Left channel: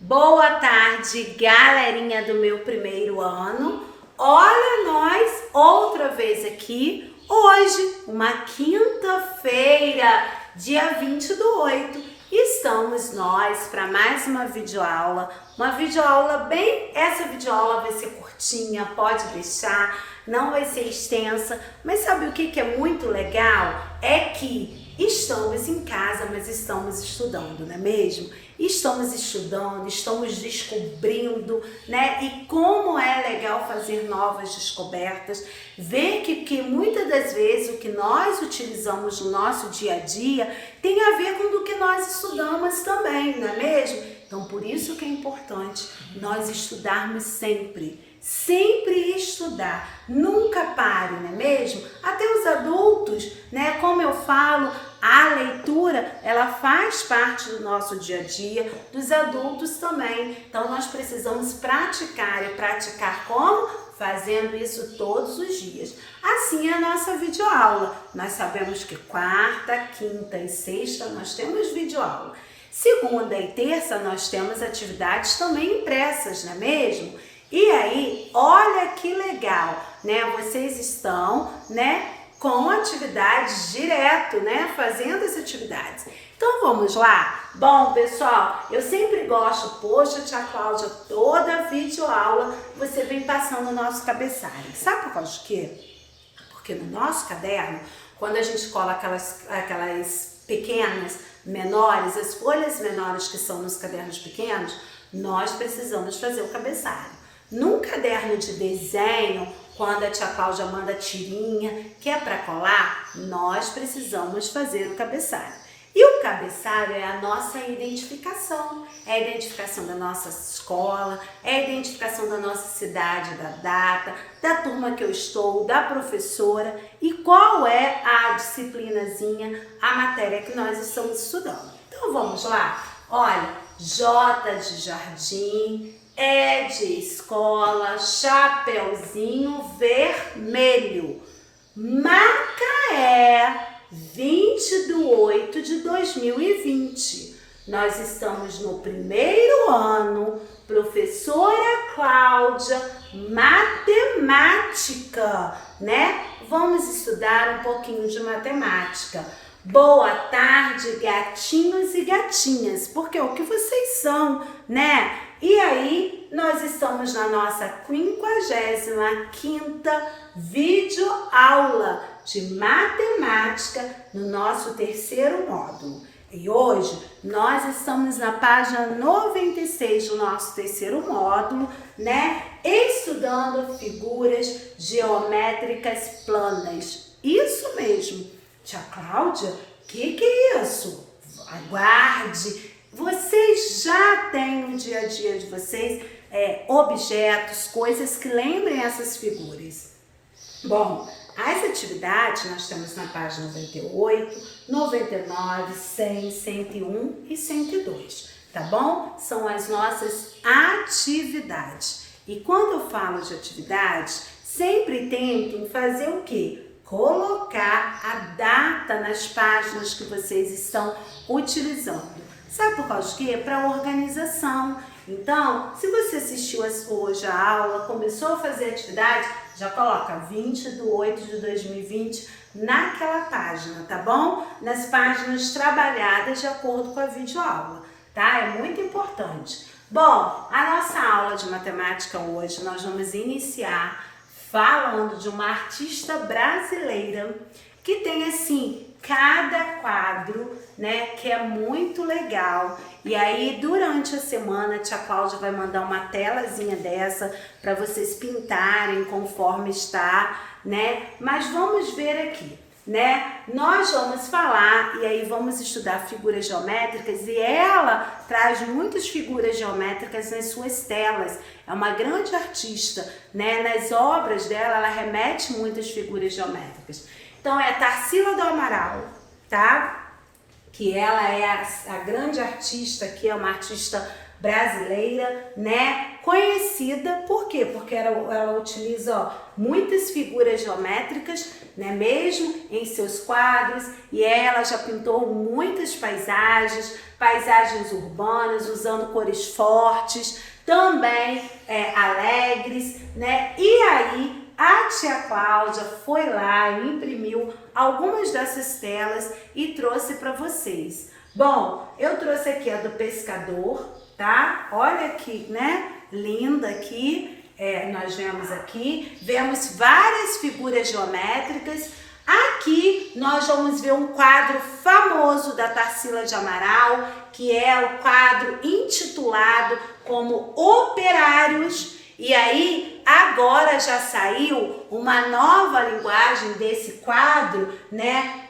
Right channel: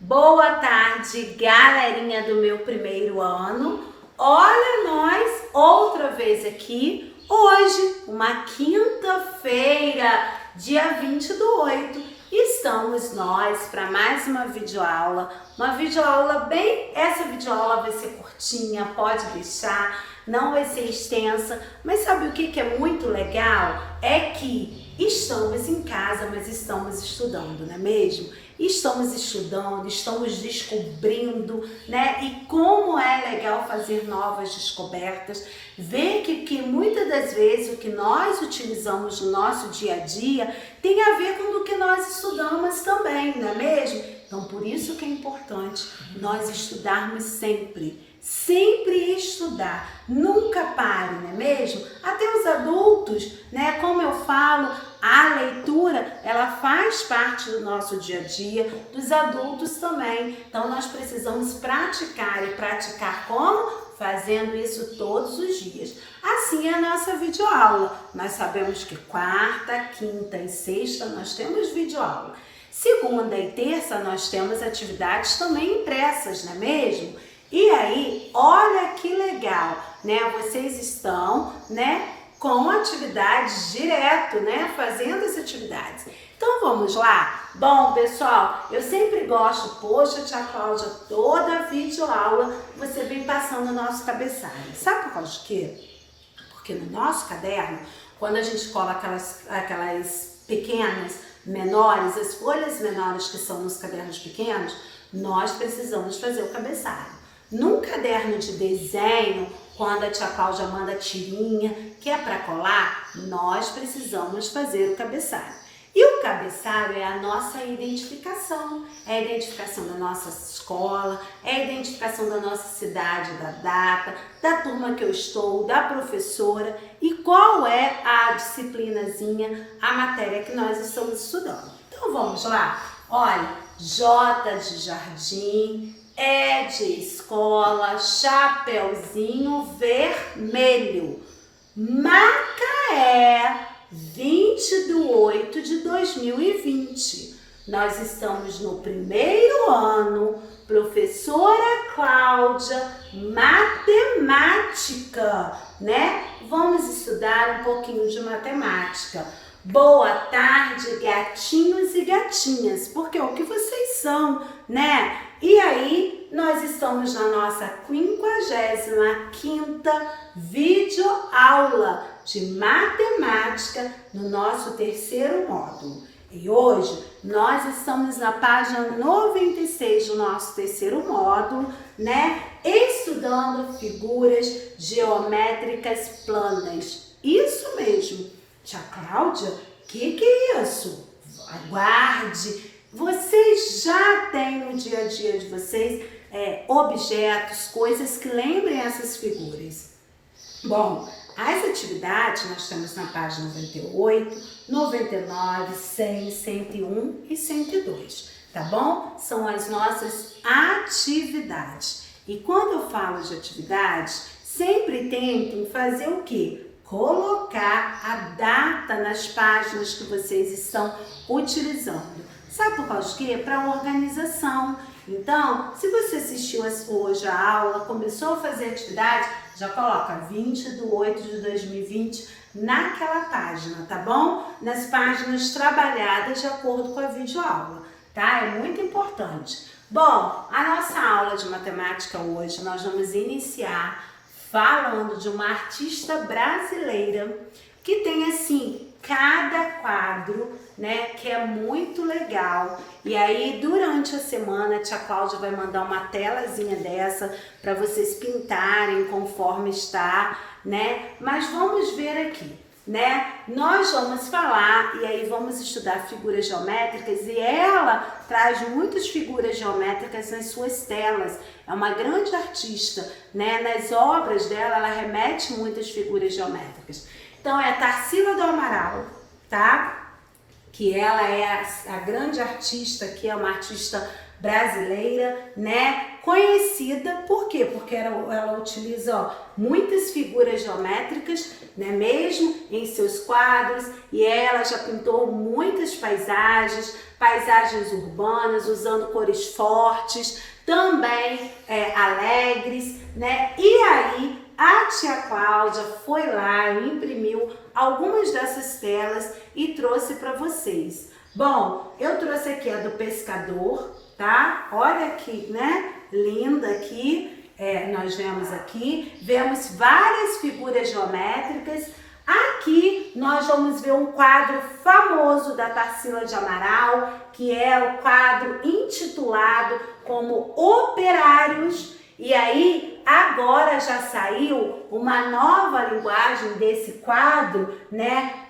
Boa tarde, galerinha do meu primeiro ano. Olha nós outra vez aqui, hoje, uma quinta-feira, dia 20/8. Estamos nós para mais uma videoaula. Essa videoaula vai ser curtinha, pode deixar, não vai ser extensa. Mas sabe o que é muito legal? É que estamos em casa, mas estamos estudando, não é mesmo? Estamos estudando, estamos descobrindo, né? E como é legal fazer novas descobertas, ver que muitas das vezes o que nós utilizamos no nosso dia a dia tem a ver com o que nós estudamos também, não é mesmo? Então, por isso que é importante nós estudarmos sempre. Sempre estudar, nunca pare, não é mesmo? Até os adultos, né? Como eu falo, a leitura, ela faz parte do nosso dia a dia, dos adultos também. Então, nós precisamos praticar. E praticar como? Fazendo isso todos os dias. Assim é a nossa videoaula. Nós sabemos que quarta, quinta e sexta nós temos videoaula. Segunda e terça nós temos atividades também impressas, não é mesmo? E aí, olha que legal, né? Vocês estão, né, com atividades direto, né? Fazendo as atividades. Então, vamos lá? Bom, pessoal, eu sempre gosto, poxa, tia Cláudia, toda videoaula você vem passando o nosso cabeçalho. Sabe por causa de quê? Porque no nosso caderno, quando a gente cola aquelas pequenas, menores, as folhas menores que são nos cadernos pequenos, nós precisamos fazer o cabeçalho. Num caderno de desenho, quando a tia Cláudia manda tirinha, que é para colar, nós precisamos fazer o cabeçalho. E o cabeçalho é a nossa identificação. É a identificação da nossa escola, é a identificação da nossa cidade, da data, da turma que eu estou, da professora e qual é a disciplinazinha, a matéria que nós estamos estudando. Então vamos lá? Olha, J de jardim, E de escola, chapeuzinho vermelho, Macaé, 20/8/2020. Nós estamos no primeiro ano, professora Cláudia, matemática, né? Vamos estudar um pouquinho de matemática. Boa tarde, gatinhos e gatinhas, porque é o que vocês são, né? E aí, nós estamos na nossa 55ª videoaula de matemática no nosso terceiro módulo. E hoje, nós estamos na página 96 do nosso terceiro módulo, né? Estudando figuras geométricas planas. Isso mesmo. Tia Cláudia, que é isso? Aguarde! Vocês já têm no dia a dia de vocês objetos, coisas que lembrem essas figuras. Bom, as atividades nós temos na página 98, 99, 100, 101 e 102, tá bom? São as nossas atividades. E quando eu falo de atividades, sempre tentem fazer o quê? Colocar a data nas páginas que vocês estão utilizando. Sabe por causa de quê? Para organização. Então, se você assistiu hoje a aula, começou a fazer atividade, já coloca 20/8/2020 naquela página, tá bom? Nas páginas trabalhadas de acordo com a videoaula, tá? É muito importante. Bom, a nossa aula de matemática hoje, nós vamos iniciar falando de uma artista brasileira que tem assim cada quadro, né, que é muito legal. E aí durante a semana a tia Cláudia vai mandar uma telazinha dessa para vocês pintarem conforme está, né? Mas vamos ver aqui, né? Nós vamos falar e aí vamos estudar figuras geométricas e ela traz muitas figuras geométricas nas suas telas. É uma grande artista, né? Nas obras dela, ela remete muitas figuras geométricas. Então é Tarsila do Amaral, tá? Que ela é a grande artista, que é uma artista brasileira, né? Conhecida, por quê? Porque ela utiliza, ó, muitas figuras geométricas, né, mesmo em seus quadros, e ela já pintou muitas paisagens urbanas, usando cores fortes, também alegres, né? E aí a tia Cláudia foi lá e imprimiu algumas dessas telas e trouxe para vocês. Bom, eu trouxe aqui a do pescador, tá? Olha aqui, né? Linda aqui. Nós vemos várias figuras geométricas. Aqui nós vamos ver um quadro famoso da Tarsila de Amaral, que é o quadro intitulado como Operários. E aí, agora já saiu uma nova linguagem desse quadro, né?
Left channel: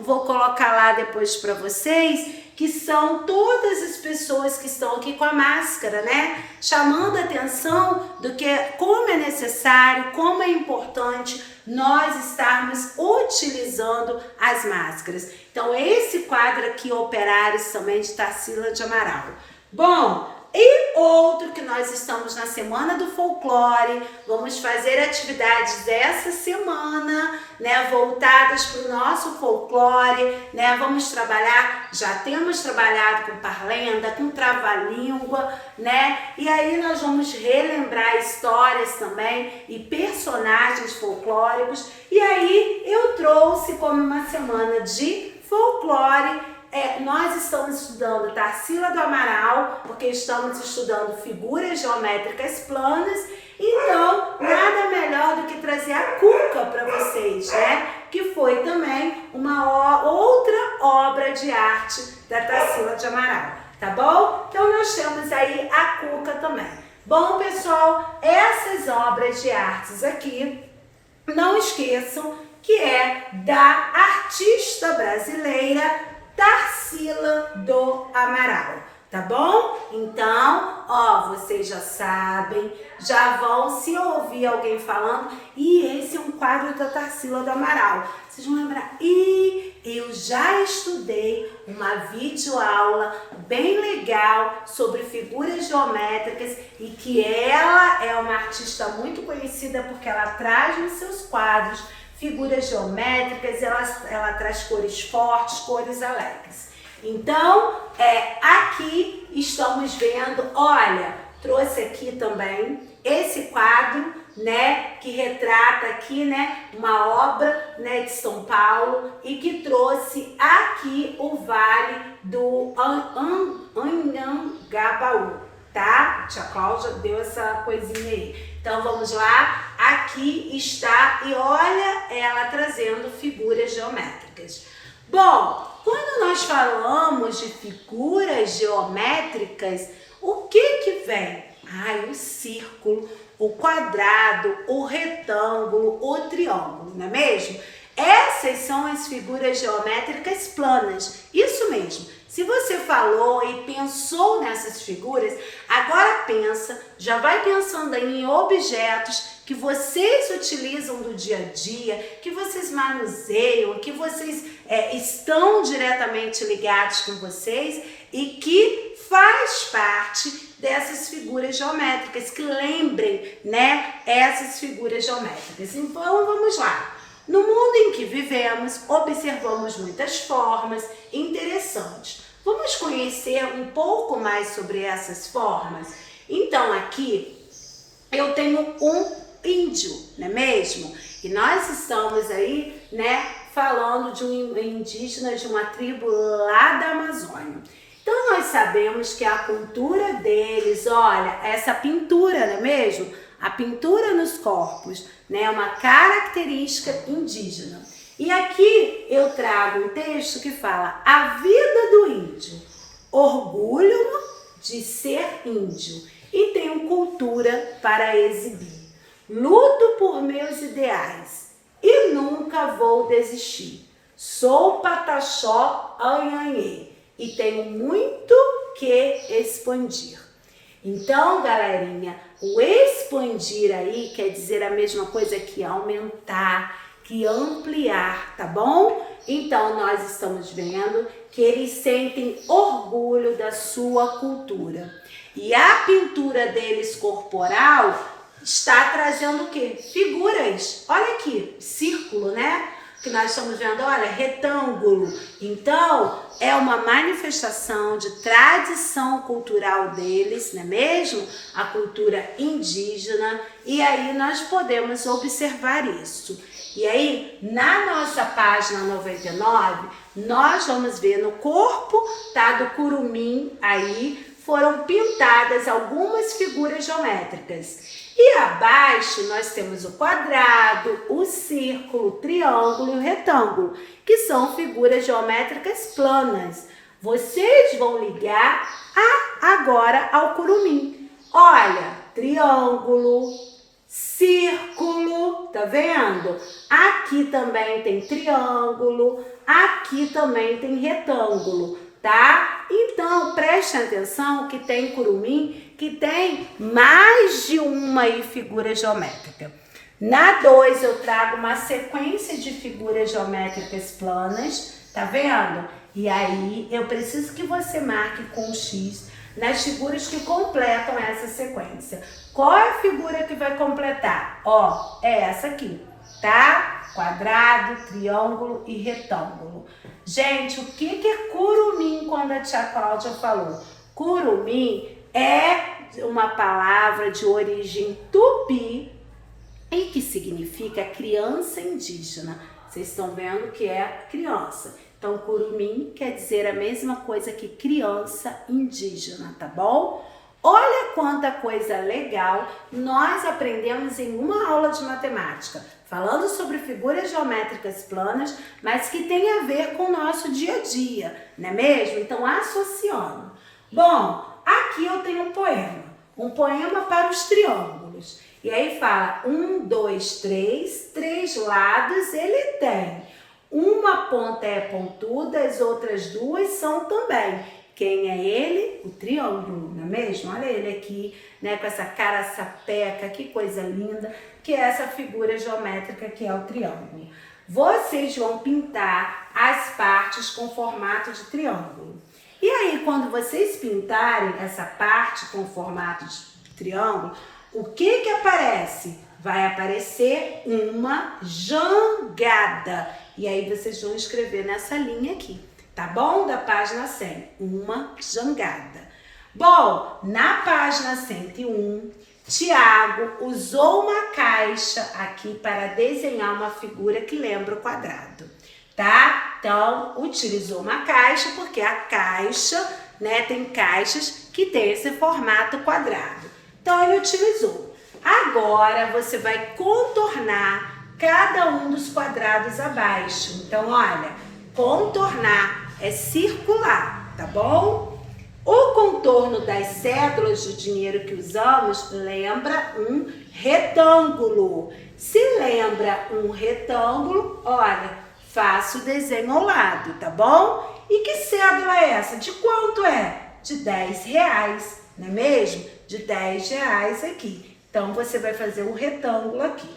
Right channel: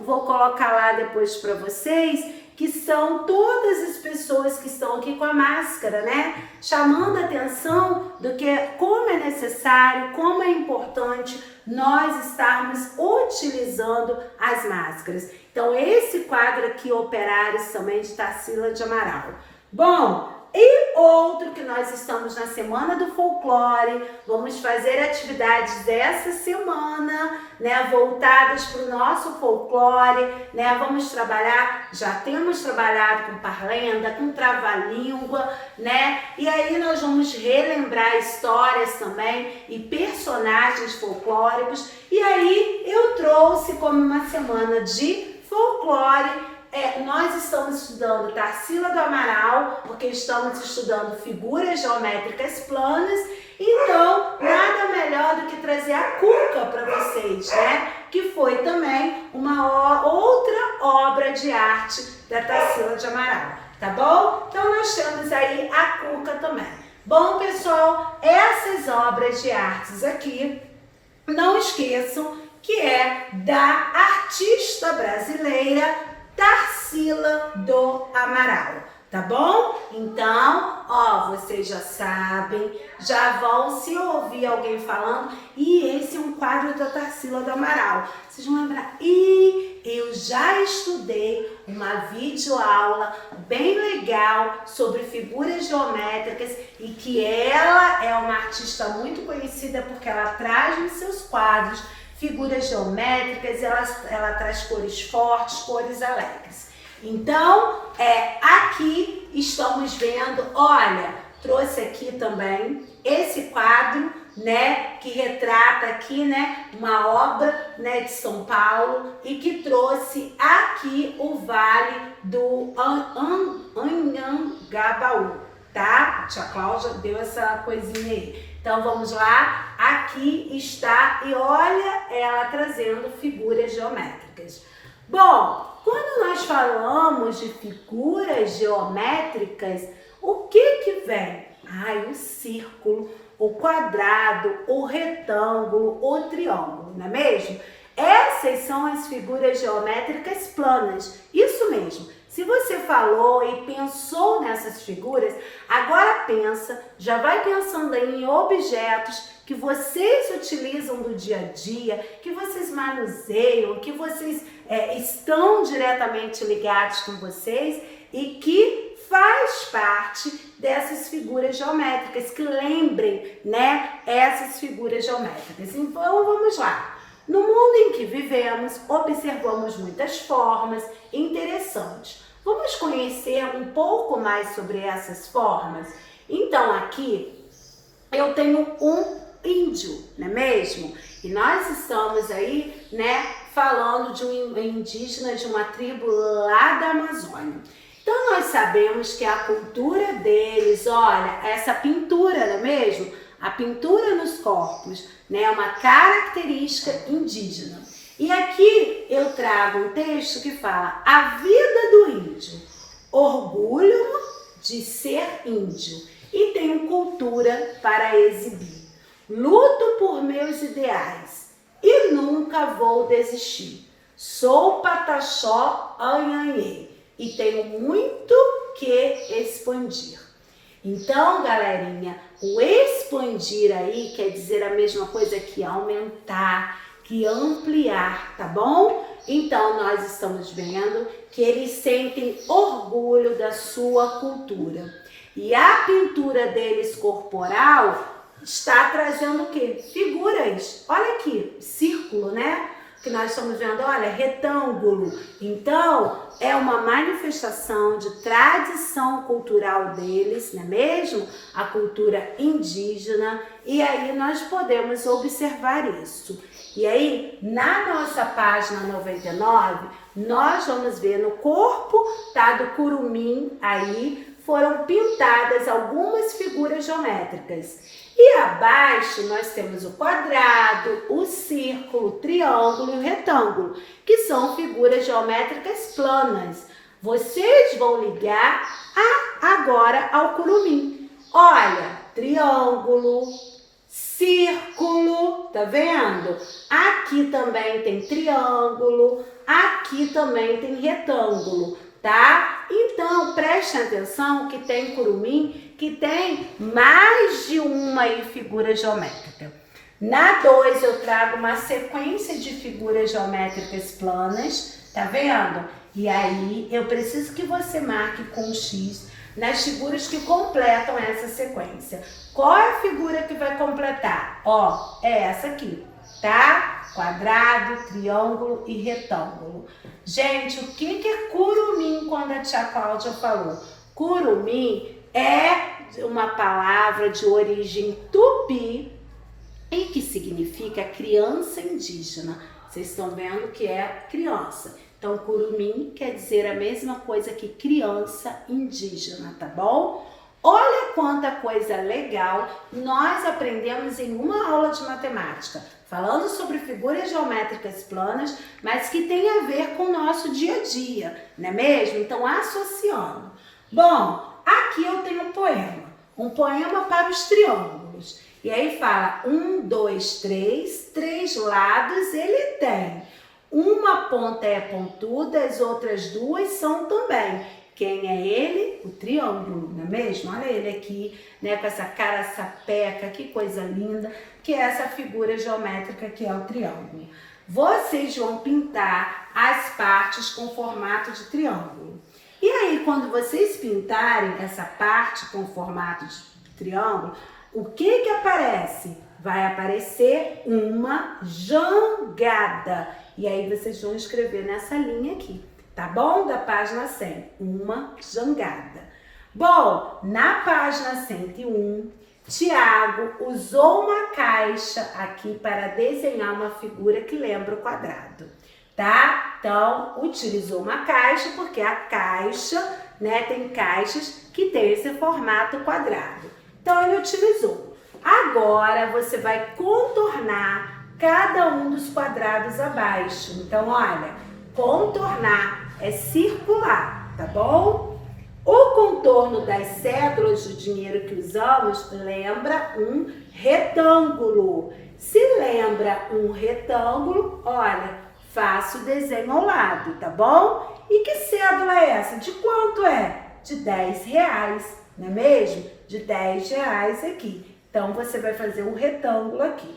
Vou colocar lá depois para vocês, que são todas as pessoas que estão aqui com a máscara, né? Chamando a atenção do que, como é necessário, como é importante nós estarmos utilizando as máscaras. Então, esse quadro aqui, Operários, também de Tarsila de Amaral. Bom, e outro que nós estamos na Semana do Folclore, vamos fazer atividades dessa semana, né, voltadas para o nosso folclore, né, já temos trabalhado com parlenda, com trava-língua, né, e aí nós vamos relembrar histórias também e personagens folclóricos, e aí eu trouxe como uma semana de folclore. Nós estamos estudando Tarsila do Amaral, porque estamos estudando figuras geométricas planas, então nada melhor do que trazer a Cuca para vocês, né? Que foi também uma outra obra de arte da Tarsila de Amaral, tá bom? Então nós temos aí a Cuca também. Bom, pessoal, essas obras de artes aqui, não esqueçam que é da artista brasileira Tarsila do Amaral, tá bom? Então, ó, vocês já sabem, já vão se ouvir alguém falando, e esse é um quadro da Tarsila do Amaral. Vocês vão lembrar, eu já estudei uma videoaula bem legal sobre figuras geométricas e que ela é uma artista muito conhecida porque ela traz nos seus quadros figuras geométricas, ela traz cores fortes, cores alegres. Então, aqui estamos vendo, olha, trouxe aqui também esse quadro, né, que retrata aqui, né, uma obra, né, de São Paulo e que trouxe aqui o Vale do Anhangabaú, tá? A tia Cláudia deu essa coisinha aí. Então vamos lá, aqui está, e olha ela trazendo figuras geométricas. Bom, quando nós falamos de figuras geométricas, o que vem? O círculo, o quadrado, o retângulo, o triângulo, não é mesmo? Essas são as figuras geométricas planas, isso mesmo. Se você falou e pensou nessas figuras, agora já vai pensando aí em objetos que vocês utilizam do dia a dia, que vocês manuseiam, que vocês estão diretamente ligados com vocês e que faz parte dessas figuras geométricas, que lembrem, né, essas figuras geométricas. Então, vamos lá. No mundo em que vivemos, observamos muitas formas interessantes. Vamos conhecer um pouco mais sobre essas formas? Então, aqui eu tenho um índio, não é mesmo? E nós estamos aí, né, falando de um indígena de uma tribo lá da Amazônia. Então, nós sabemos que a cultura deles, olha, essa pintura, não é mesmo? A pintura nos corpos, né, é uma característica indígena. E aqui eu trago um texto que fala: a vida do índio, orgulho de ser índio e tenho cultura para exibir. Luto por meus ideais e nunca vou desistir. Sou Pataxó Anhanhê e tenho muito que expandir. Então, galerinha, o expandir aí quer dizer a mesma coisa que aumentar, que ampliar, tá bom? Então, nós estamos vendo que eles sentem orgulho da sua cultura. E a pintura deles corporal está trazendo o quê? Figuras. Olha aqui, círculo, né? Que nós estamos vendo, olha, retângulo. Então, é uma manifestação de tradição cultural deles, não é mesmo? A cultura indígena. E aí nós podemos observar isso. E aí, na nossa página 99, nós vamos ver no corpo, tá, do curumim aí, foram pintadas algumas figuras geométricas. E abaixo nós temos o quadrado, o círculo, o triângulo e o retângulo, que são figuras geométricas planas. Vocês vão ligar agora ao curumim. Olha, triângulo, círculo, tá vendo? Aqui também tem triângulo, aqui também tem retângulo, tá? Então, prestem atenção que tem curumim que tem mais de uma figura geométrica. Na 2 eu trago uma sequência de figuras geométricas planas, tá vendo? E aí eu preciso que você marque com um X nas figuras que completam essa sequência. Qual é a figura que vai completar? Ó, é essa aqui, tá? Quadrado, triângulo e retângulo. Gente, o que é curumim quando a tia Cláudia falou? Curumim é uma palavra de origem tupi e que significa criança indígena. Vocês estão vendo que é criança. Então, curumim quer dizer a mesma coisa que criança indígena, tá bom? Olha quanta coisa legal nós aprendemos em uma aula de matemática, falando sobre figuras geométricas planas, mas que tem a ver com o nosso dia a dia, não é mesmo? Então, associando. Bom, aqui eu tenho um poema para os triângulos. E aí fala 1, 2, 3, 3 lados ele tem. Uma ponta é pontuda, as outras duas são também. Quem é ele? O triângulo, não é mesmo? Olha ele aqui, né, com essa cara sapeca, que coisa linda, que é essa figura geométrica que é o triângulo. Vocês vão pintar as partes com formato de triângulo. E aí, quando vocês pintarem essa parte com formato de triângulo, o que aparece? Vai aparecer uma jangada. E aí, vocês vão escrever nessa linha aqui, tá bom? Da página 100, uma jangada. Bom, na página 101, Tiago usou uma caixa aqui para desenhar uma figura que lembra o quadrado, tá? Então, utilizou uma caixa porque a caixa, né, tem caixas que tem esse formato quadrado. Então, ele utilizou. Agora, você vai contornar cada um dos quadrados abaixo. Então, olha, contornar é circular, tá bom? O contorno das cédulas de dinheiro que usamos lembra um retângulo. Se lembra um retângulo, olha, faça o desenho ao lado, tá bom? E que cédula é essa? De quanto é? De R$10, não é mesmo? De R$10 aqui. Então, você vai fazer um retângulo aqui.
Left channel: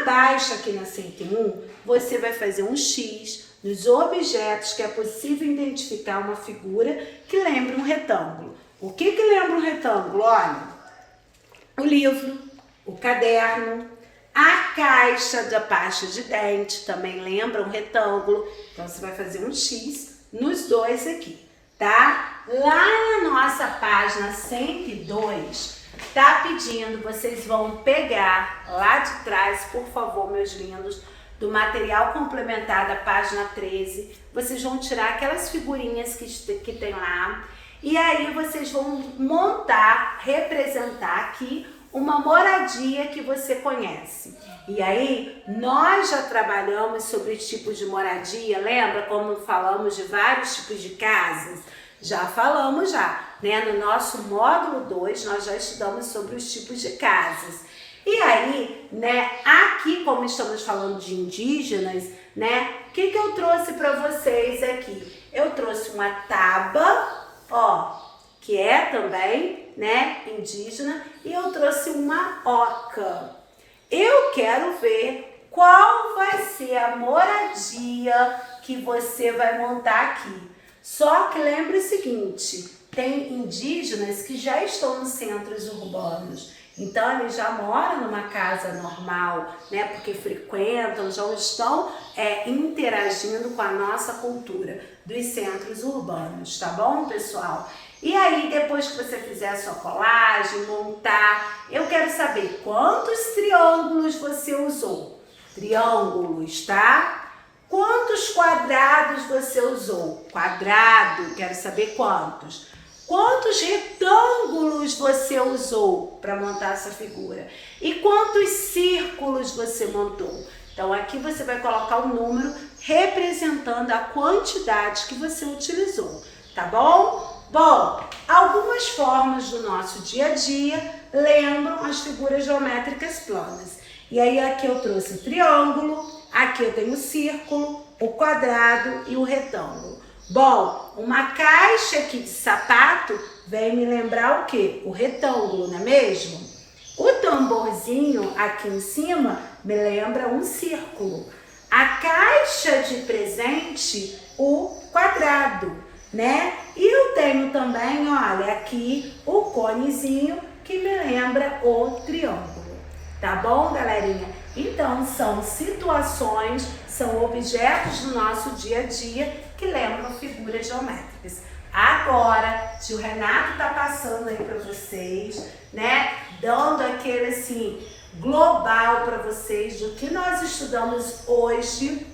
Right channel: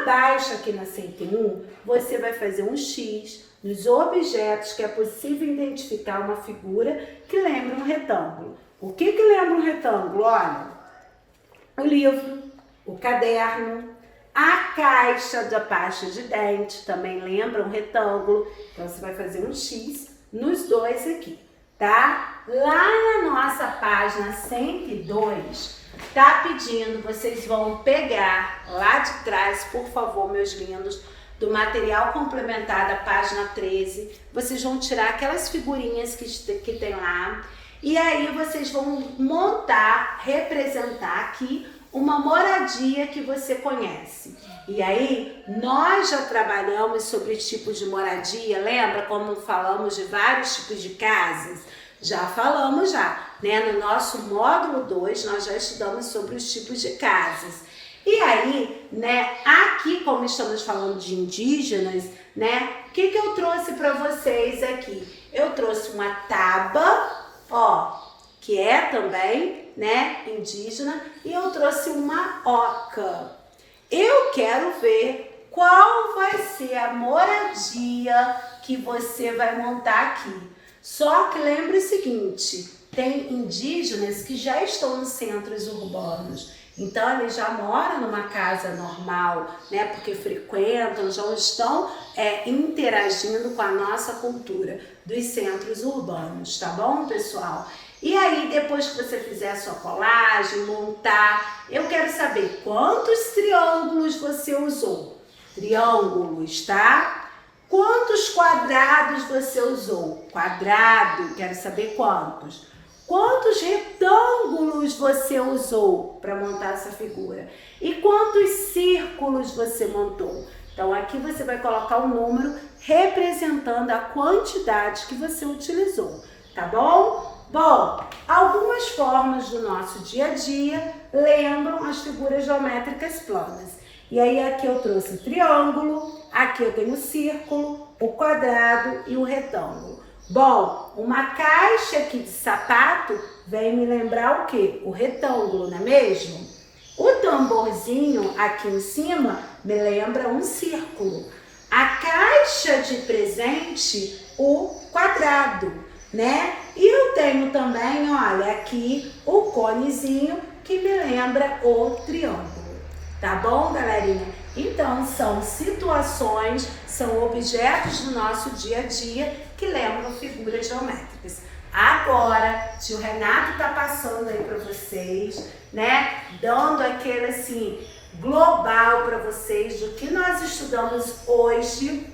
Abaixo, aqui na 101, você vai fazer um X nos objetos que é possível identificar uma figura que lembra um retângulo. O que lembra um retângulo? Olha, o livro, o caderno, a caixa da pasta de dente também lembra um retângulo. Então, você vai fazer um X nos dois aqui, tá? Lá na nossa página 102, tá pedindo, vocês vão pegar lá de trás, por favor, meus lindos, do material complementar da página 13, vocês vão tirar aquelas figurinhas que tem lá, e aí vocês vão montar, representar aqui uma moradia que você conhece. E aí, nós já trabalhamos sobre os tipos de moradia, lembra como falamos de vários tipos de casas? Já falamos né? No nosso módulo 2, nós já estudamos sobre os tipos de casas. E aí, né, aqui como estamos falando de indígenas, né, o que eu trouxe para vocês aqui? Eu trouxe uma taba, ó, que é também, né, indígena, e eu trouxe uma oca. Eu quero ver qual vai ser a moradia que você vai montar aqui. Só que lembre o seguinte, tem indígenas que já estão nos centros urbanos. Então, eles já moram numa casa normal, né? Porque frequentam, já estão interagindo com a nossa cultura dos centros urbanos, tá bom, pessoal? E aí, depois que você fizer a sua colagem, montar, eu quero saber quantos triângulos você usou. Triângulos, tá? Quantos quadrados você usou? Quadrado, quero saber quantos. Quantos retângulos você usou para montar essa figura? E quantos círculos você montou? Então aqui você vai colocar um número representando a quantidade que você utilizou, tá bom? Bom, algumas formas do nosso dia a dia lembram as figuras geométricas planas. E aí aqui eu trouxe o triângulo, aqui eu tenho o círculo, o quadrado e o retângulo. Bom, uma caixa aqui de sapato vem me lembrar o quê? O retângulo, não é mesmo? O tamborzinho aqui em cima me lembra um círculo. A caixa de presente, o quadrado, né? E eu tenho também, olha, aqui o conezinho que me lembra o triângulo. Tá bom, galerinha? Então, são situações, são objetos do nosso dia a dia que lembram figuras geométricas. Agora, tio Renato tá passando aí para vocês, né? Dando aquele, assim, global para vocês do que nós estudamos hoje,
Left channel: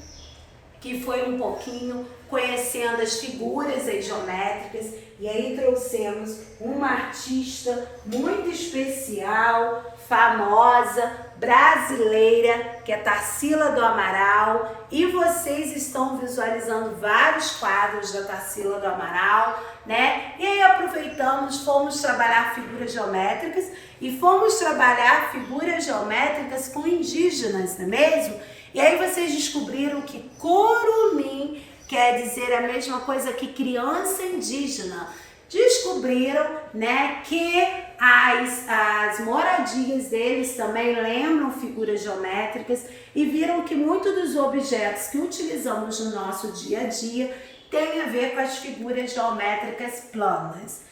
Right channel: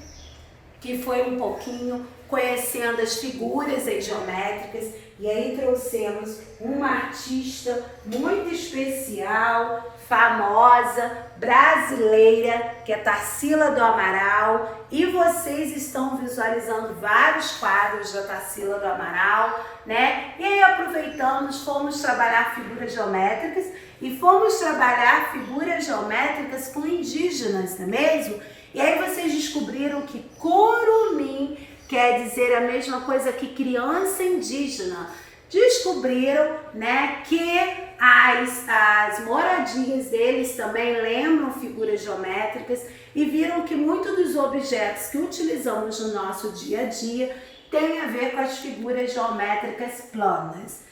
que foi um pouquinho conhecendo as figuras aí geométricas. E aí trouxemos uma artista muito especial, famosa, brasileira, que é Tarsila do Amaral, e vocês estão visualizando vários quadros da Tarsila do Amaral, né? E aí aproveitamos, fomos trabalhar figuras geométricas e fomos trabalhar figuras geométricas com indígenas, não é mesmo? E aí vocês descobriram que curumim quer dizer a mesma coisa que criança indígena. Descobriram, né, que as moradias deles também lembram figuras geométricas e viram que muitos dos objetos que utilizamos no nosso dia a dia tem a ver com as figuras geométricas planas.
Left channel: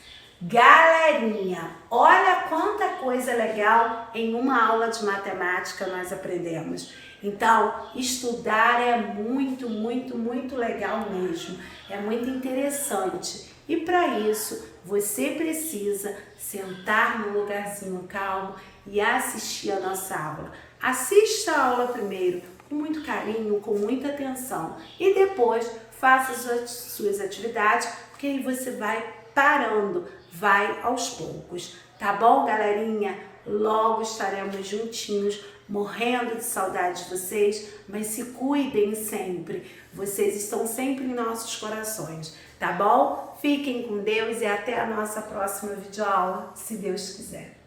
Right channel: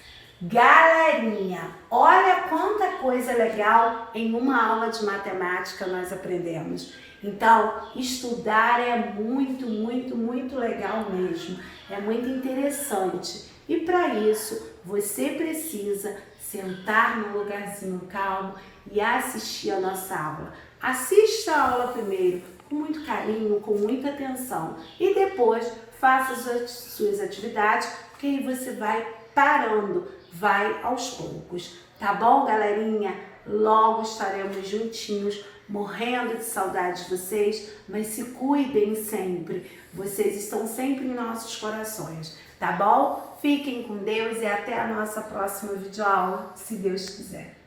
Galerinha, olha quanta coisa legal em uma aula de matemática nós aprendemos. Então, estudar é muito, muito, muito legal mesmo. É muito interessante. E para isso, você precisa sentar num lugarzinho calmo e assistir a nossa aula. Assista a aula primeiro com muito carinho, com muita atenção. E depois, faça as suas atividades, porque aí você vai parando, vai aos poucos. Tá bom, galerinha? Logo estaremos juntinhos, morrendo de saudade de vocês, mas se cuidem sempre. Vocês estão sempre em nossos corações, tá bom? Fiquem com Deus e até a nossa próxima videoaula, se Deus quiser.